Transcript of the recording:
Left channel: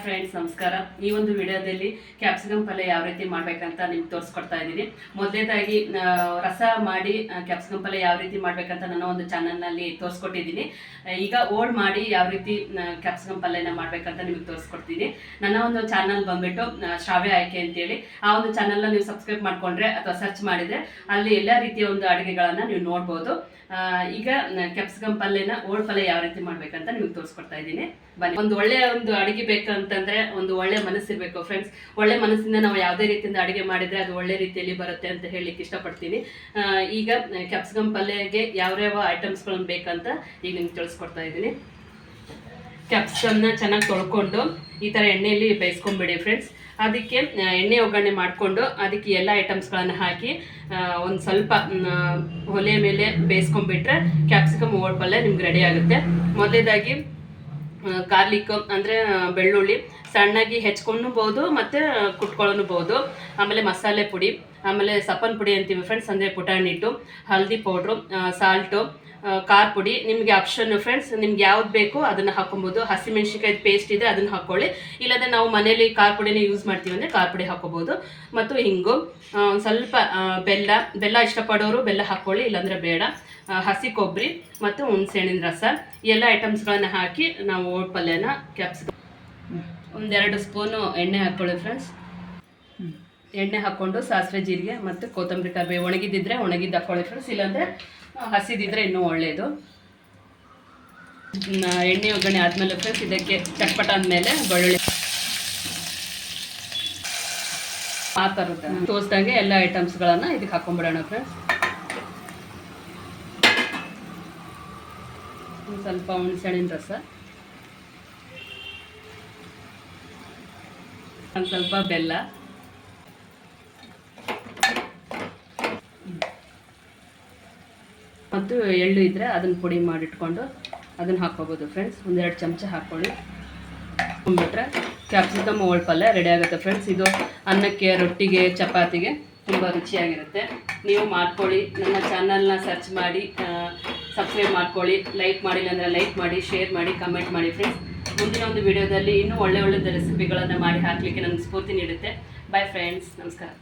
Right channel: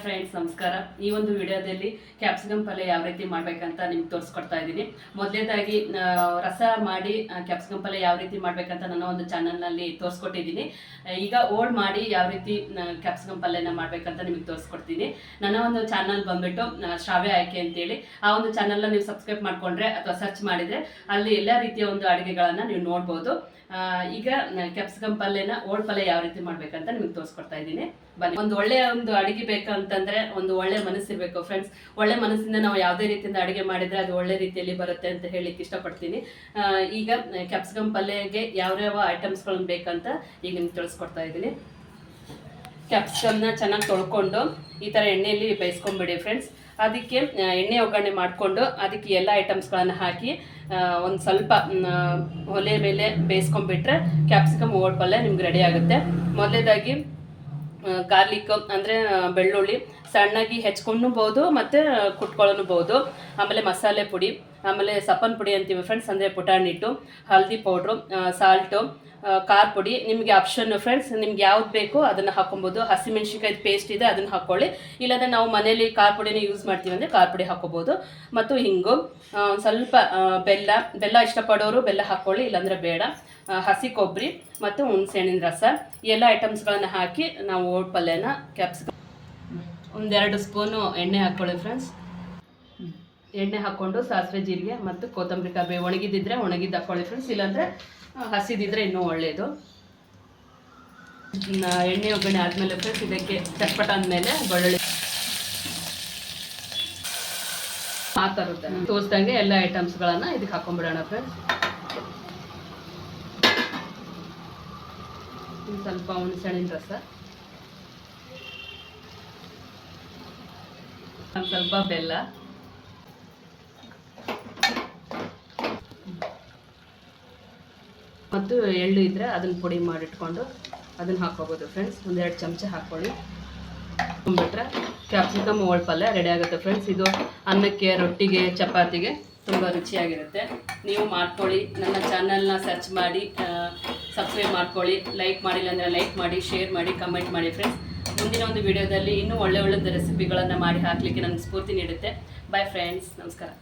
Friends ನಮಸ್ಕಾರ. ಈ ಒಂದು ವಿಡಿಯೋದಲ್ಲಿ ಕ್ಯಾಪ್ಸಿಕಮ್ ಪಲ್ಯ ಯಾವ ರೀತಿ ಮಾಡ್ಬೇಕಂತ ನಿಮ್ಗೆ ತೋರಿಸ್ಕೊಡ್ತಾ ಇದ್ದೀನಿ. ಮೊದಲನೇದಾಗಿ ರಸ ಮಾಡಿ ಕ್ಯಾಪ್ಸಿಕಮ್ ಪಲ್ಯ ಯಾವ ರೀತಿ ಮಾಡ್ಬೇಕಂತ ನನ್ನ ಒಂದು ಚಾನಲ್ನಲ್ಲಿ ತೋರಿಸ್ಕೊಟ್ಟಿದ್ದೀನಿ. ಈಗ ಓಲ್ಡ್ ಮಾಡಿ ಯಾವ ರೀತಿ ಕ್ಯಾಪ್ಸಿಕಮ್ ಪಲ್ಯನ ಮಾಡ್ಬೇಕಂತ ನಿಮ್ಗೆ ತೋರಿಸ್ಕೊಡ್ತೀನಿ. ನನ್ನ ಒಂದು ಚಾನಲ್ ಬಂದ್ಬಿಟ್ಟು ಶ್ರಾವ್ಯ ಆಯ್ಕೆ ಅಂತೇಳಿ. ಆ ಒಂದು ಚಾನಲ್ನ ನೀವು ಸಬ್ಸ್ಕ್ರೈಬ್ ಮಾಡ್ಕೊಂಡ್ರೆ ಅಥವಾ ಸರ್ಚ್ ಮಾಡಿದ್ರೆ ಅಲ್ಲಿ ಎಲ್ಲ ರೀತಿಯ ಒಂದು ಅಡುಗೆಗಳನ್ನ ನೀವು ನೋಡ್ಬೋದು. ಈಗ ಕ್ಯಾಪ್ಸಿಕಮ್ ಪಲ್ಯನ ಓಲ್ಡ್ ಪಲ್ಯ ಯಾವ ರೀತಿ ಮಾಡ್ಬೇಕಂತ ನಿಮ್ಗೆ ತೋರಿಸ್ಕೊಡ್ತಾ ಇದ್ದೀನಿ. ಬನ್ನಿ. ಒಂದು ಒಳ್ಳೆ ಒಂದು ಅಡುಗೆ ಬೇಕಂತಂದ್ರೆ ಒಂದು ಒಳ್ಳೆ ಮನಸ್ಸಿರ್ಬೇಕು ಫ್ರೆಂಡ್ಸ್. ಒಳ್ಳೆ ಮನಸ್ಸಿಂದ ನಾವು ಯಾವುದೇ ರೀತಿಯಿಂದ ಅಡುಗೆ ಮಾಡಿದ್ರೆ ಅದು ಒಳ್ಳೆ ರೀತಿಯಲ್ಲಿ ಬರುತ್ತೆ ಅಂತ ಹೇಳಿಕ್ಕೆ ಇಷ್ಟಪಡ್ತೀನಿ. ಈಗ ಕ್ಯಾಪ್ಸಿಕಮ್ ಪಲ್ಯಗೆ ಯಾವ ಐಟಮ್ಸ್ಗಳನ್ನ ಬೇಕಂತ ಈಗ ನಿಮ್ಗೆ ತಿಳಿಸ್ಕೊಡ್ತಾ ಇದ್ದೀನಿ. ಕ್ಯಾಪ್ಸಿಕಮ್ನ ಚೆನ್ನಾಗಿ ತೊಳ್ಕೊಂಡು ಈ ಥರ ಎಣ್ಣೆಯಲ್ಲಿ ಬೇಯಿಸ್ಕೊಂಡ್ಬಿಡಿ ಫ್ರೆಂಡ್ಸ್. ಅದಕ್ಕೆ ಎಣ್ಣೆ ಒಗ್ಗರಣೆ ಮಾಡಿಕೊಂಡು ಅದಕ್ಕೆ ಎಲ್ಲ ಐಟಮ್ಸ್ಗಳನ್ನು ಹಾಕಿ ಒಂದು ಸ್ವಲ್ಪ ಒಲೆ ಮೇಲೆ ಬೇಯಿಸ್ಕೊಂಡ್ಬಿಟ್ರೆ ಕ್ಯಾಪ್ಸಿಕಮ್ ಓಲ್ಡ್ ಪಲ್ಯ ನಿಮ್ಗೆ ರೆಡಿ ಆಗುತ್ತೆ. ಮೊದಲೇದಾಗಿ ಗಾರ್ಲಿಕ್ ಅಂದರೆ ಬೆಳ್ಳುಳ್ಳಿ ಸಣ್ಣಾಗಿ ಹೆಚ್ಕೊಳ್ಳಬಹುದು ಮತ್ತು ಕುಟ್ಕೊಳ್ಳಬಹುದು. ಆಮೇಲೆ ಮಸಾಲೆ ಪುಡಿ, ಆಮೇಲೆ ಸಪ್ಪನ್ ಪುಡಿ ಅಂತೀವಿ ಫ್ರೆಂಡ್ಸ್, ಅಂದರೆ ಪುಟಾಣಿ ಹಿಟ್ಟು, ಹಲ್ದಿ ಪೌಡ್ರು, ಸಾಲ್ಟು, ಖಾರ ಪುಡಿ ನಿಮಗೆ ಆಪ್ಷನ್ ಫ್ರೆಂಡ್ಸ್. ನಿಮ್ಗೆ ಯಾವ್ದು ಬೇಕೋ ಅದನ್ನು ಹಾಕೊಬೋದು. ಹಸಿಮೆಣ್ಸಿನ್ಕಾಯಿ ಪೇಸ್ಟ್ ಇದೆ ಅದನ್ನು ಹಾಕ್ಕೊಳ್ಳಿ. ಇಲ್ಲಾಂದರೆ ನಾವು ಮನೇಲಿ ಖಾರ ಪುಡಿನೇ ಯೂಸ್ ಮಾಡ್ತೀವಿ ಅಂದರೆ ಖಾರ ಪುಡಿ ಹಾಕೋಬೋದು. ಮತ್ತು ಹಿಂಗು, ಸ್ವಲ್ಪ ಬೆಲ್ಲ ಇಷ್ಟಪಡೋರು ಬೆಲ್ಲ ಹಾಕ್ಕೊಳ್ಳಿ, ಇಲ್ಲಾಂದರೆ ಬೇಡ. ಹಸಿ ಕೊಬ್ಬರಿ ಮತ್ತು ಹುಣಸೆಹಣ್ಣಿನ ರಸ ಎಲ್ಲ ಐಟಮ್ಸ್ಗಳನ್ನು ಹಾಕಿ ನಾವು ಓಟ್ ಪಲ್ಯನ ಕ್ಯಾಪ್ಸಿಕಮ್ 1-2 ಸ್ಪೂನು ಎಣ್ಣೆ ಹಾಕ್ಕೊಳ್ಳಿ ಫ್ರೆಂಡ್ಸ್. ಎಣ್ಣೆ ಹಾಕ್ಕೊಂಡು ಸಾಸಿವೆ, ಜೀರಿಗೆ ಮತ್ತು ಕೊತ್ತಂಬರಿ ಕರಿಬೇವು ಒಣಗಿದ್ದಿದ್ರೆ ಒಣಗಿದ್ದು ಹಾಕ್ಕೊಳ್ಳಿ ಫ್ರೆಂಡ್ಸ್, ಇಲ್ಲಾಂದರೆ ಹಸಿದಿದ್ರೆ ಇನ್ನೂ ಒಳ್ಳೆಯದು. ಎಣ್ಣೆ ಒಗ್ಗರಣೆ ಆದಮೇಲೆ ಫ್ರೆಂಡ್ಸ್ ಇದಕ್ಕೆ ಚಟ್ಪಟ ಅಂದಮೇಲೆ ಬೆಳ್ಳುಳ್ಳಿ ಆ ಥರದ ತೋರಿಸ್ದಂಗೆ ಎಲ್ಲ ಐಟಮ್ಸ್ಗಳನ್ನು ಇದಕ್ಕೆ ಹಾಕೊಂಡ್ಬಿಡೋಣ ಫ್ರೆಂಡ್ಸ್. ಸ್ವಲ್ಪ ಹುಣಸೆಹಣ್ಣಿನ ರಸ, ಒಂದು ಸ್ವಲ್ಪ ಬೆಲ್ಲ, ಮತ್ತು ಎಳ್ಳು ಇದ್ದರೆ ಅದನ್ನು ಪುಡಿ ಮಾಡಿಟ್ಕೊಂಡು ಅದನ್ನು ಹಾಕ್ಕೋಬೋದು ಫ್ರೆಂಡ್ಸ್. 1-2 ಚಮಚ ಹಾಕ್ಕೊಳ್ಳಿ. ಹಾಕ್ಕೊಂಡ್ಬಿಟ್ರೆ ಕ್ಯಾಪ್ಸಿಕಮ್ ಓಲ್ಡ್ ಪಲ್ಯ ರೆಡಿ ಆಗುತ್ತೆ ಫ್ರೆಂಡ್ಸ್. ಇದು ಅನ್ನಕ್ಕೆ, ರೊಟ್ಟಿಗೆ, ಚಪಾತಿಗೆ ತುಂಬ ರುಚಿಯಾಗಿರುತ್ತೆ. ನೀವು ಮಾಡ್ಕೊಳ್ಳಿ. ನನ್ನ ಚಾನಲ್ನ ಸರ್ಚ್ ಮಾಡಿ ಸಬ್ಸ್ಕ್ರೈಬ್ ಮಾಡ್ಕೊಳ್ಳಿ. ಲೈಕ್ ಮಾಡಿಲ್ಲ ಅಂದರೆ ಲೈಕ್ ಮಾಡಿ, ಶೇರ್ ಮಾಡಿ, ಕಮೆಂಟ್ ಮಾಡಿ ಫ್ರೆಂಡ್ಸ್. ಮುಂದಿನ ಒಂದು ವಿಡಿಯೋದಲ್ಲಿ ಇನ್ನೂ ಒಳ್ಳೆ ರೆಸಿಪಿಗಳನ್ನು ಮಾಡಿ ಹಾಕಲಿಕ್ಕೆ ನನಗೆ ಸ್ಫೂರ್ತಿ ನೀಡುತ್ತೆ. ಬಾಯ್ ಫ್ರೆಂಡ್ಸ್, ನಮಸ್ಕಾರ.